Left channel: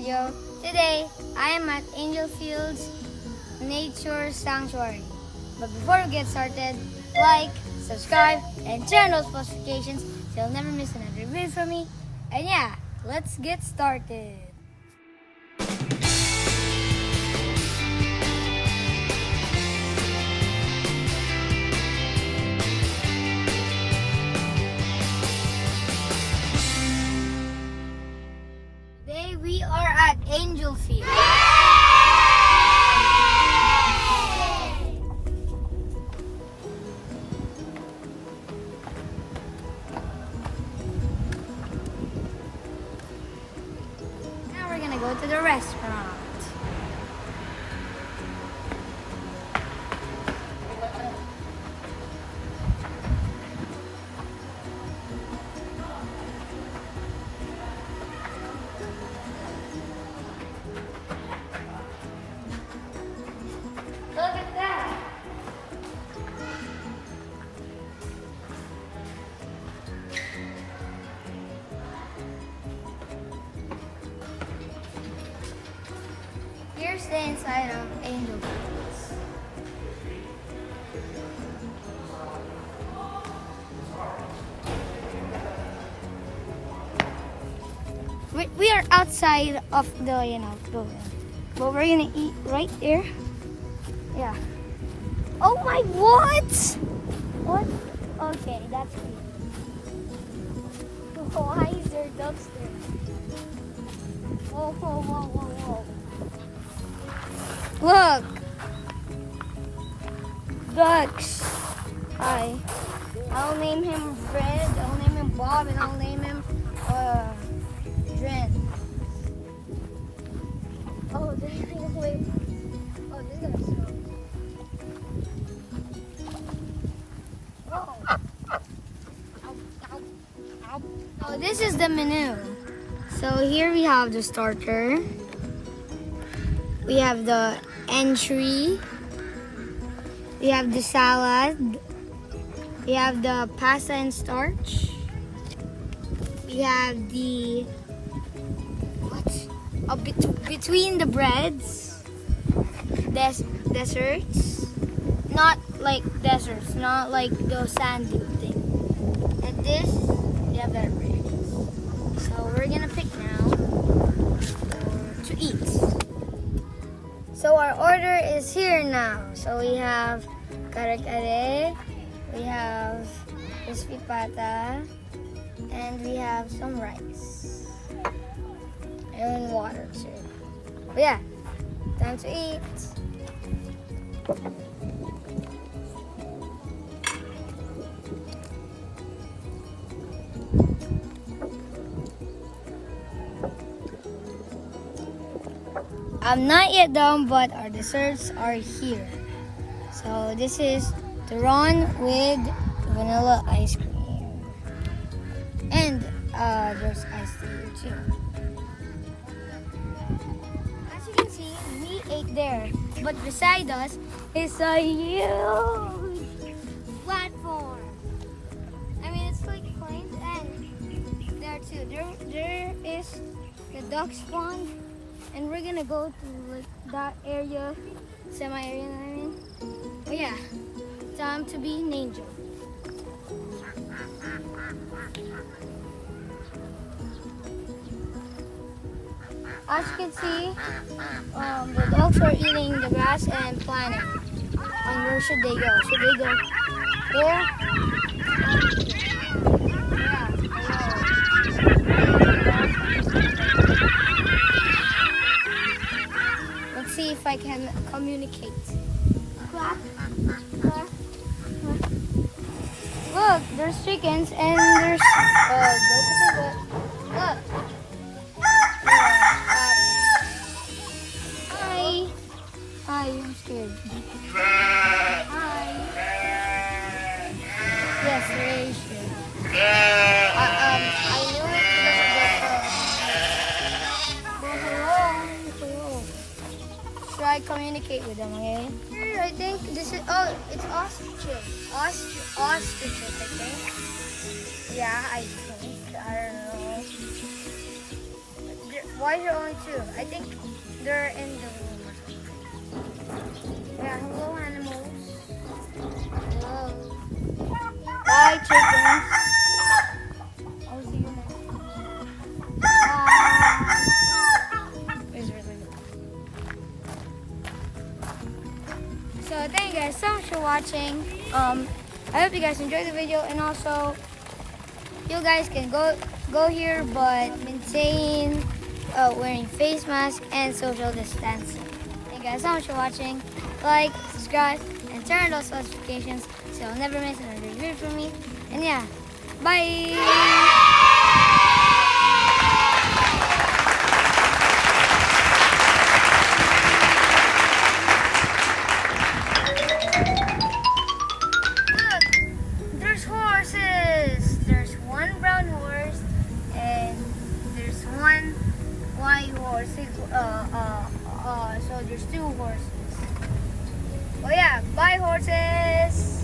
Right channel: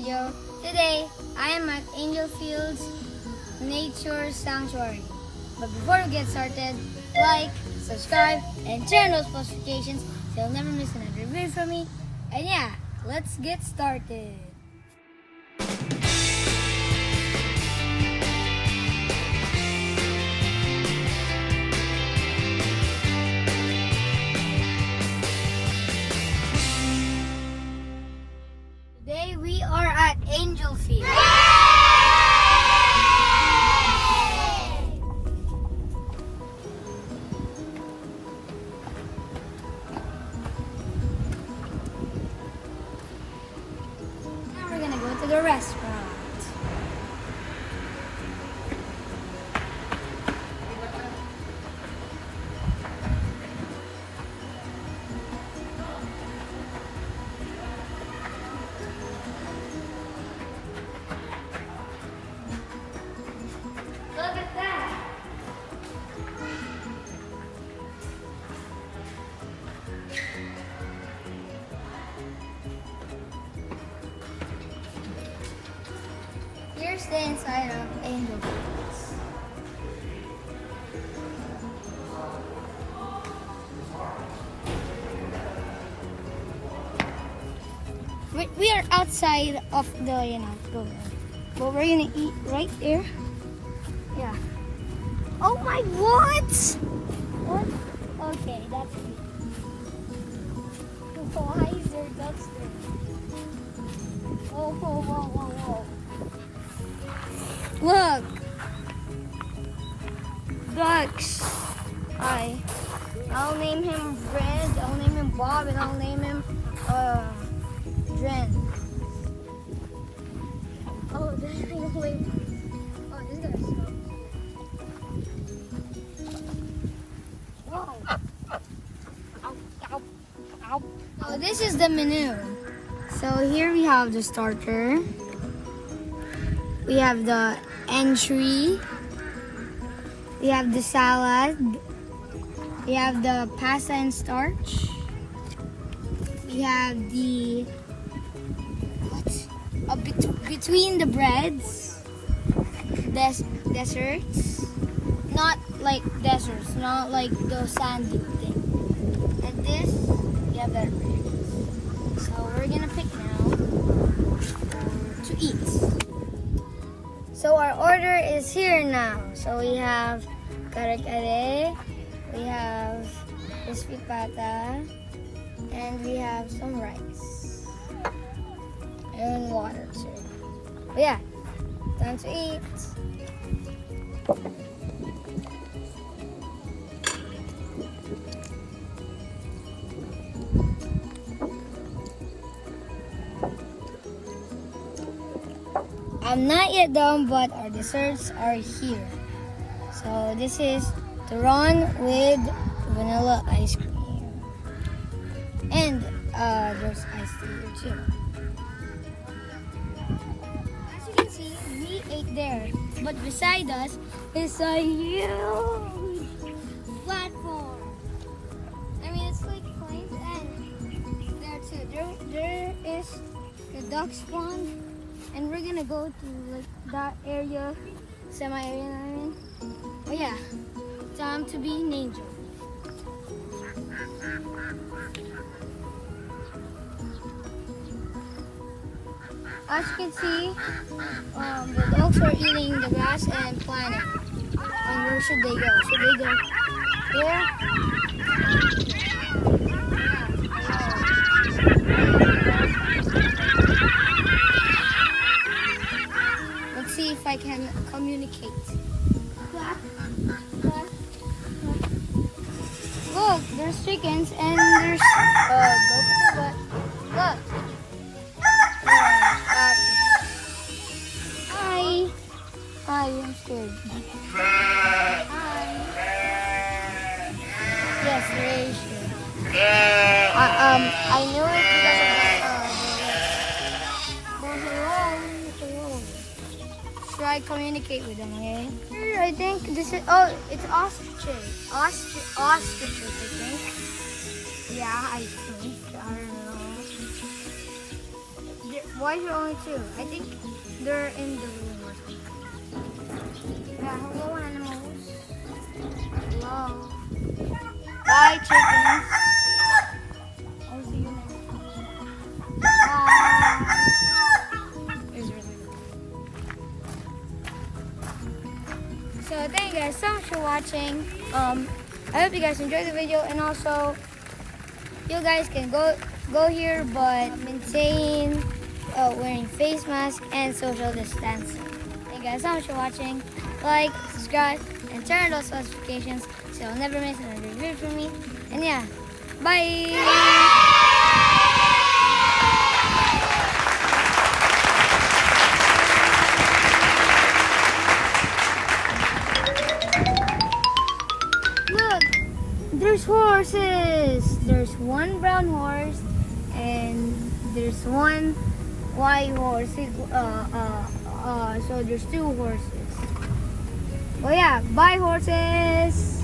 video. Today, I am at Angelfields Nature Sanctuary. But before we get started, like, subscribe, and turn those notifications so you'll never miss another video from me. And yeah, let's get started. Today we are at Angelfields. Now we're gonna go to the restaurant. Look at that. Here's the inside of Angelfields. We are outside of the, building. But we're gonna eat right there. Yeah. Oh my, what? What? Okay, that's cute. Why is there ducks there? Whoa, whoa, whoa, whoa, whoa. Look. Ducks. Hi. I'll name him Fred, I'll name him Bob, and I'll name him Dren. Oh, this is gonna swim. Oh, this is gonna swim. So this is the menu. So here we have the starter. We have the entry. We have the salad. We have the pasta and starch. We have the between the breads. Desserts. Not like desserts. Not like the sandy thing. And this, we have beverages. So we're gonna pick now to eat. So our order is here now. So we have kare-kare, we have crispy pata, and we have some rice. And water too. But yeah, time to eat. I'm not yet done, but our desserts are here. So this is Turon with vanilla ice cream. And there's iced tea here too. As you can see, we ate there. But beside us is a huge platform. I mean, it's like planes, and there too. There is the duck spawn. And we're gonna go to like that area, semi-area, I mean. Oh yeah, time to be an angel. As you can see, the dogs are eating the grass and planning. And where should they go? Should they go there? Let's see if I can communicate. Look, there's chickens and there's look. Hi. Hi, I'm scared. Hi. Yes, very sure. I knew it. Try communicate with them, okay? I think this is, it's ostriches. Ostriches, I think. Yeah, I think. I don't know. Why is there only two? I think they're in the room. Yeah, hello animals. Hello. Bye chickens. I'll see you next time. Bye. It's really good. So thank you guys so much for watching. I hope you guys enjoyed the video, and also you guys can go here but maintain wearing face mask and social distancing. Thank you guys so much for watching. Like, subscribe, and turn on those notifications so you'll never miss another video from me. And yeah, bye! There's horses. There's one brown horse and there's one white horse. So there's two horses. Oh yeah, bye horses.